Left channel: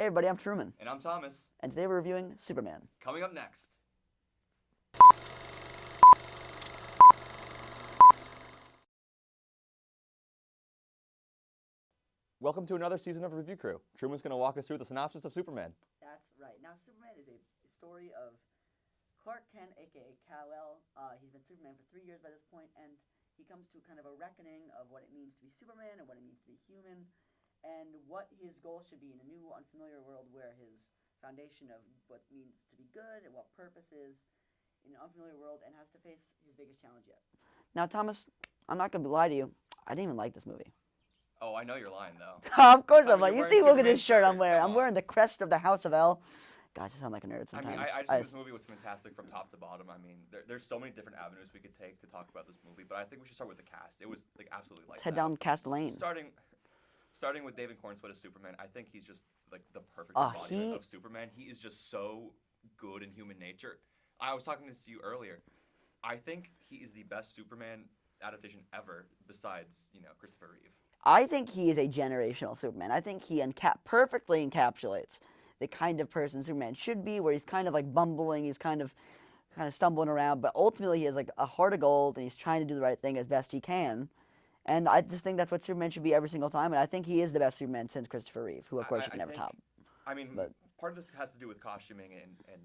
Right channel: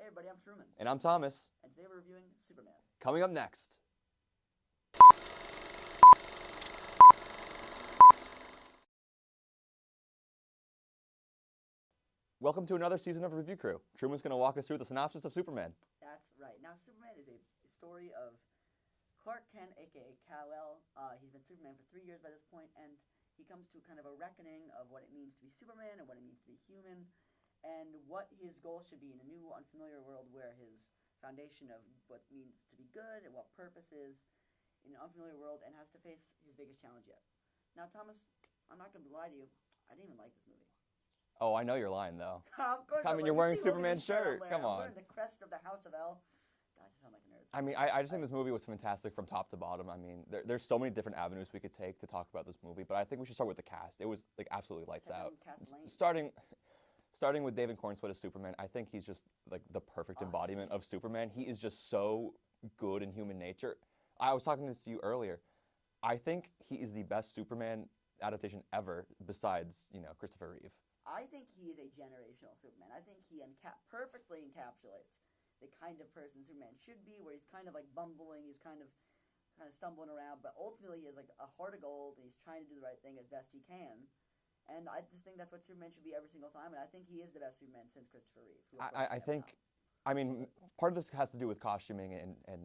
Hey everybody, I'm Truman. And I'm Thomas. And today we're reviewing Superman. Coming up next. Welcome to another season of Review Crew. Truman's going to walk us through the synopsis of Superman. That's right. Now, Superman is a story of Clark Kent, a.k.a. Kal-El. He's been Superman for 3 years by this point, and he comes to kind of a reckoning of what it means to be Superman and what it means to be human, and what his goal should be in a new, unfamiliar world where his foundation of what it means to be good and what purpose is in an unfamiliar world, and has to face his biggest challenge yet. Now, Thomas, I'm not going to lie to you. I didn't even like this movie. Oh, I know you're lying, though. Of course I'm like, lying. You see, look at this shirt I'm wearing. I'm wearing the crest of the House of L. God, I sound like a nerd sometimes. I mean, I just think this movie was fantastic from top to bottom. I mean, there's so many different avenues we could take to talk about this movie, but I think we should start with the cast. It was like absolutely lights out. Head down cast lane. Starting with David Cornswood as Superman, I think he's just like the perfect embodiment of Superman. He is just so good in human nature. I was talking this to you earlier. I think he is the best Superman adaptation ever, besides, Christopher Reeve. I think he is a generational Superman. I think he perfectly encapsulates the kind of person Superman should be, where he's kind of like bumbling, he's kind of stumbling around, but ultimately he has like a heart of gold, and he's trying to do the right thing as best he can. And I just think that's what Superman should be every single time, and I think he is the best Superman since Christopher Reeve, who of course you can never top. I mean, part of this has to do with costuming and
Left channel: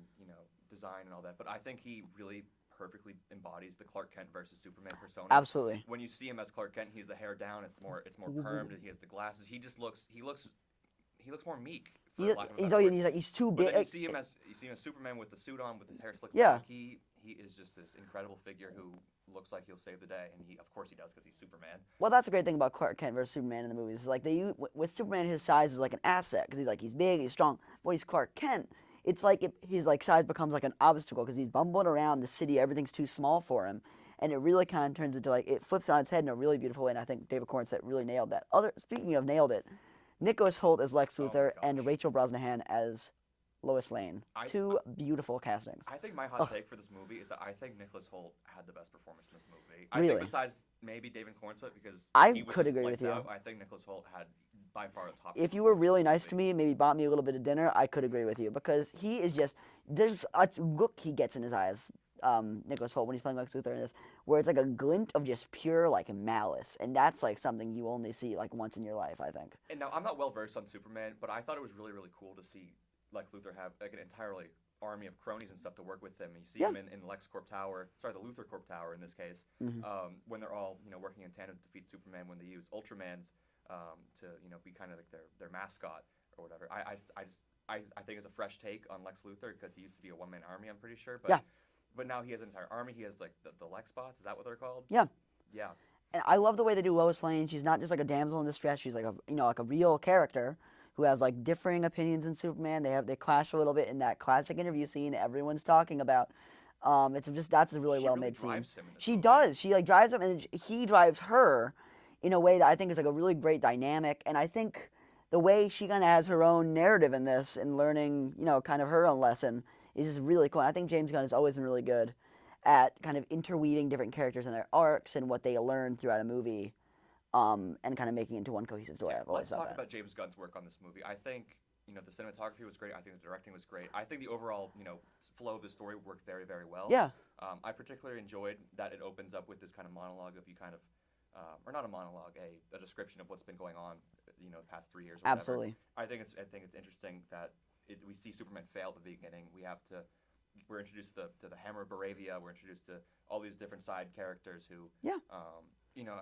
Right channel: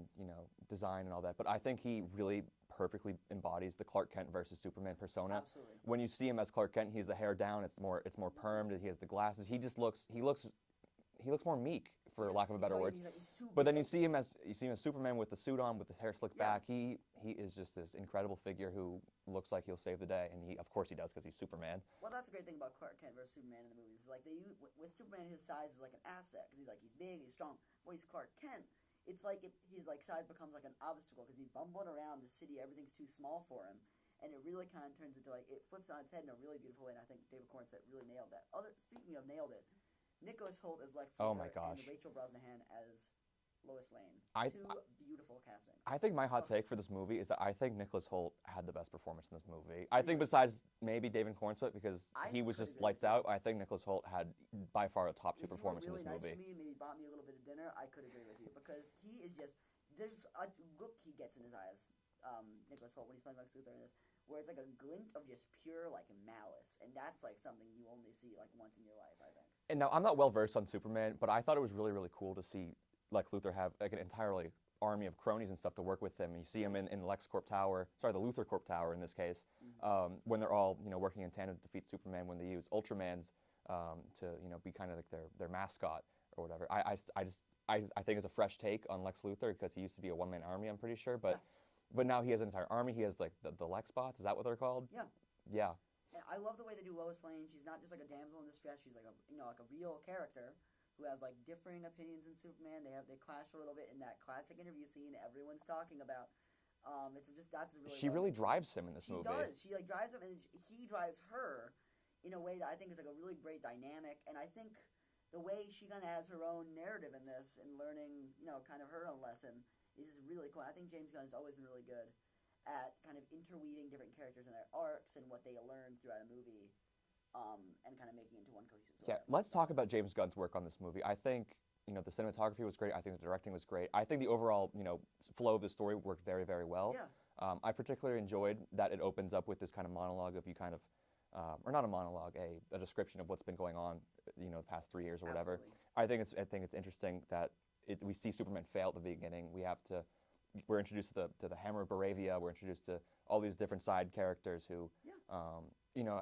design and all that, but I think he really perfectly embodies the Clark Kent versus Superman persona. Absolutely. When you see him as Clark Kent, he's the hair down. It's more permed. He has the glasses. He looks more meek, for lack of a better word. He's too big. But then you see him as Superman with the suit on, with his hair slicked back. He is just this incredible figure who looks like he'll save the day, and of course he does, because he's Superman. Well, that's a great thing about Clark Kent versus Superman in the movies. Is like with Superman, his size is like an asset, because he's big, he's strong. When he's Clark Kent, it's like his size becomes like an obstacle, because he's bumbling around the city, everything's too small for him, and it really kind of turns into it flips on its head in a really beautiful way. And I think David Cornswood really nailed that. Speaking of nailed it, Nicholas Hoult as Lex Luthor and Rachel Brosnahan as Lois Lane. Two beautiful castings. I think my hot take for this movie is that I think Nicholas Hoult had the best performance in this movie. Really? I think besides maybe David Cornswood, because he was could just agree lights with you. out, I think Nicholas Hoult had by far the top. If you were really nice to me, maybe bought me a little bit of dinner, I could agree with you, because he is just, there's a look he gets in his eyes, Nicholas Hoult, when he's playing Lex Luthor in this, where it's like a glint of just pure malice, and that's something you only see once in your life, I think. And now I'm not well versed on Superman, but I thought it was really, really cool to see Lex Luthor have an entirely army of cronies and stuff to work with him. And you see him in the LexCorp Tower, the Luthor Corp Tower in this case, when they're all working in tandem to defeat Superman, when they use Ultramans to be kind of like their mascot or whatever. I think it's a fresh take on Lex Luthor, because he used to be a one-man army, I'm pretty sure. But now he has an entire army. He has the Lex bots. Is that what they're called? Yeah. Yeah. And I love the way they do Lois Lane. She's not just like a damsel in distress. She's like a real character who has differing opinions than Superman. They clash a little bit in that classic interview scene everyone's talking about. That's a really well made scene. She really drives him in this movie. She does. She drives him, and he drives her in a way that I think is a really great dynamic. And I think the way she kind of has her own narrative in this and learning kind of her own lesson is just really cool. And I think James Gunn has always been really good at kind of interweaving different characters and their arcs and what they learn throughout a movie. And kind of making it into one cohesive story. Yeah, let's talk about James Gunn's work on this movie. I think, the cinematography was great. I think the directing was great. I think the overall, flow of the story worked very, very well. Yeah. I particularly enjoyed that it opens up with this kind of monologue of you kind of, or not a monologue, a description of what's been going on, the past 3 years or whatever. Absolutely. I think it's interesting that we see Superman fail at the beginning. We're introduced to the Hammer of Baravia. We're introduced to all these different side characters who,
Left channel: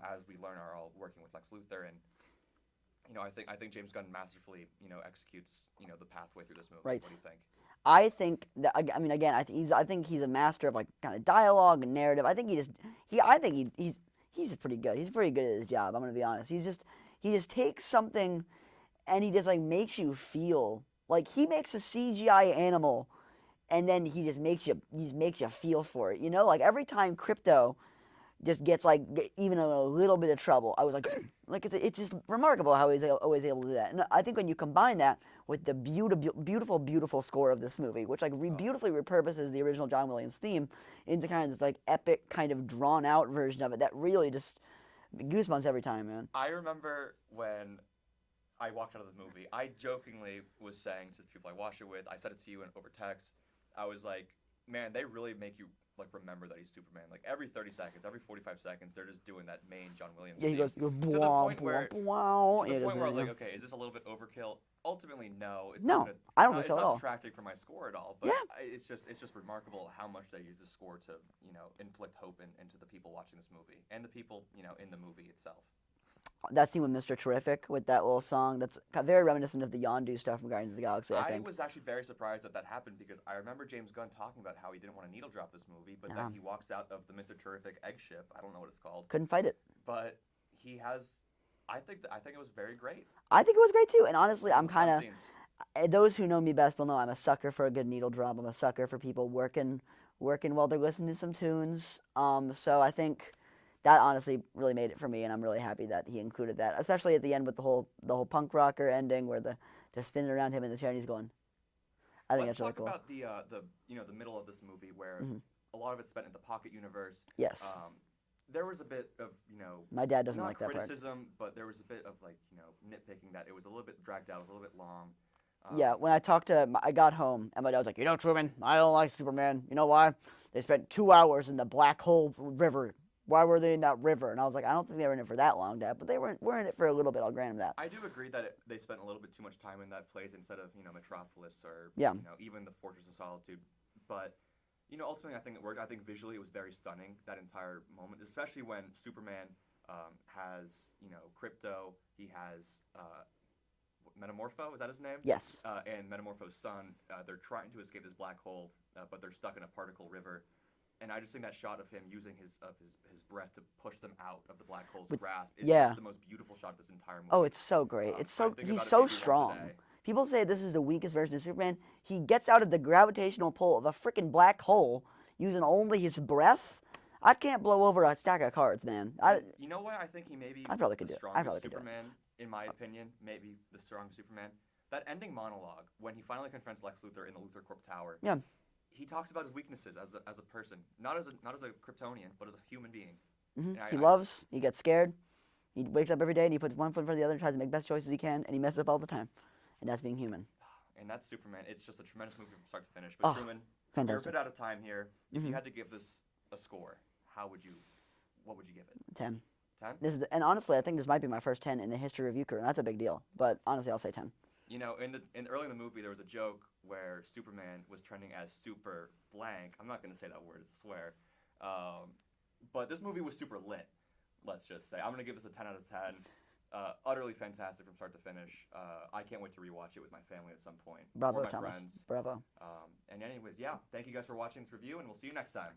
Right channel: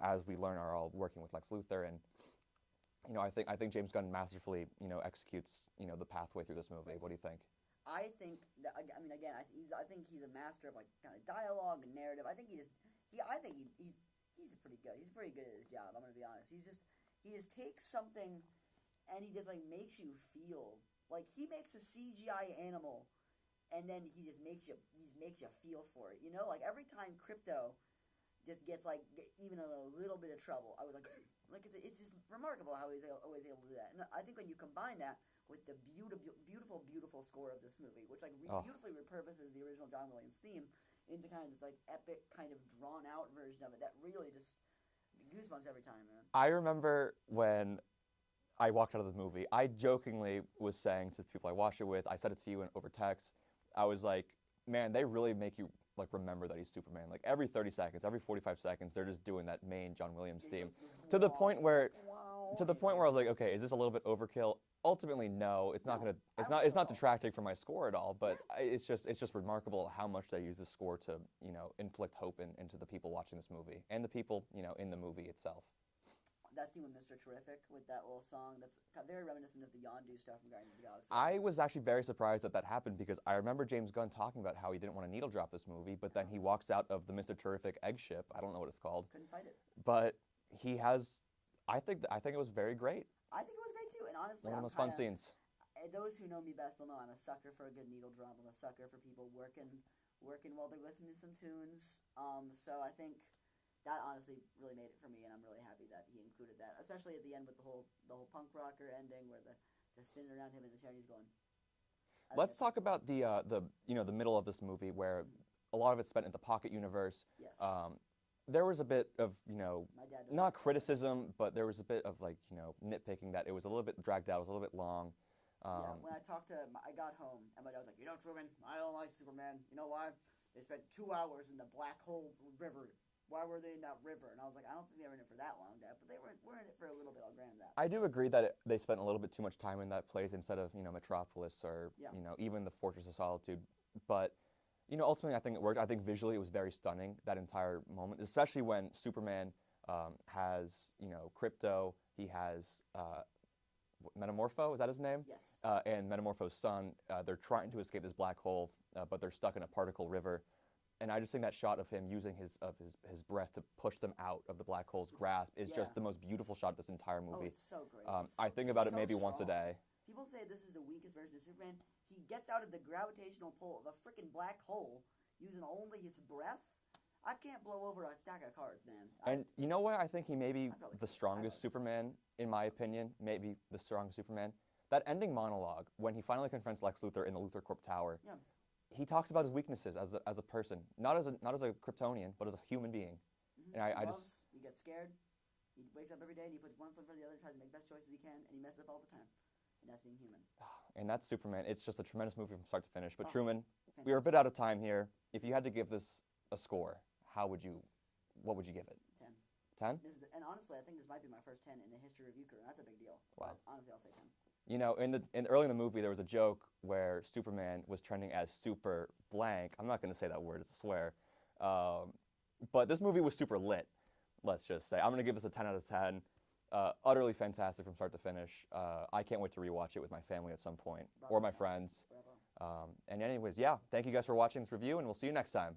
as we learn, are all working with Lex Luthor, and I think James Gunn masterfully executes the pathway through this movie. Right. What do you think? I think that, I mean, again, I think he's a master of kind of dialogue and narrative. I think he's pretty good. He's pretty good at his job. I'm gonna be honest. He just takes something, and he just makes you feel he makes a CGI animal. And then he just makes you feel for it, every time Crypto just gets even a little bit of trouble, I was it's just remarkable how he's always able to do that. And I think when you combine that with the beautiful, beautiful score of this movie, which beautifully repurposes the original John Williams theme into kind of this epic, kind of drawn out version of it, that really just goosebumps every time, man. I remember when I walked out of the movie. I jokingly was saying to the people I watched it with, I said it to you over text. I was like, man, they really make you like remember that he's Superman. Like every 30 seconds, every 45 seconds, they're just doing that main John Williams Yeah, he theme. goes To the point where wow. I was like, okay, is this a little bit overkill? Ultimately, no. It's No, not gonna, I don't think it's so at not all. detracting from my score at all. But Yeah. it's just remarkable how much they use the score to inflict hope into the people watching this movie and the people in the movie itself. That scene with Mr. Terrific with that little song, that's very reminiscent of the Yondu stuff from Guardians of the Galaxy, I think. was actually very surprised that happened because I remember James Gunn talking about how he didn't want to needle drop this movie, but then he walks out of the Mr. Terrific egg ship. I don't know what it's called. Couldn't fight it. But he has. I think it was very great. I think it was great too, and honestly, I'm Fun kind of. scenes. Those who know me best will know I'm a sucker for a good needle drop. I'm a sucker for people working while they're listening to some tunes. So I think that honestly really made it for me, and I'm really happy that he included that, especially at the end with the whole punk rocker ending where they're spinning around him in the chair and he's going. I think Let's that's talk really cool. about the middle of this movie where a lot of it's spent in the Pocket universe. Yes. There was a bit of My dad doesn't like that part. Not criticism, but there was a bit of nitpicking that it was a little bit dragged out, it was a little bit long. Yeah, when I got home and my dad was like, Truman, I don't like Superman. You know why? They spent 2 hours in the Black Hole River. Why were they in that river? And I was like, I don't think they were in it for that long, Dad, but they were in it for a little bit. I'll grant him that. I do agree that they spent a little bit too much time in that place instead of Metropolis or even the Fortress of Solitude. But ultimately I think it worked. I think visually it was very stunning, that entire moment, especially when Superman has Crypto. He has Metamorpho, is that his name? Yes. And Metamorpho's son. They're trying to escape this black hole, but they're stuck in a particle river. And I just think that shot of him using his breath to push them out of the black hole's grasp is just the most beautiful shot of this entire movie. Oh, it's so great. He's about so it maybe strong. once a day. People say this is the weakest version of Superman. He gets out of the gravitational pull of a freaking black hole using only his breath. I can't blow over a stack of cards, man. You know what? I think he may be the strongest Superman, in my opinion. Maybe the strongest Superman. That ending monologue, when he finally confronts Lex Luthor in the Luthor Corp Tower. Yeah. He talks about his weaknesses as a person, not as a Kryptonian, but as a human being. He loves. He gets scared. He wakes up every day and he puts one foot in front of the other and tries to make best choices he can, and he messes up all the time. And that's being human. And that's Superman. It's just a tremendous movie from start to finish. But Truman, fantastic. We're a bit out of time here. If you had to give this a score, what would you give it? 10. 10? And honestly, I think this might be my first 10 in the history of Euchre, and that's a big deal. But honestly, I'll say 10. Early in the movie, there was a joke where Superman was trending as super blank. I'm not going to say that word; it's a swear. But this movie was super lit. Let's just say I'm going to give this a 10 out of 10. Utterly fantastic from start to finish. I can't wait to rewatch it with my family at some point Bravo, or my Thomas. friends. Bravo. And anyways, yeah, thank you guys for watching this review, and we'll see you next time.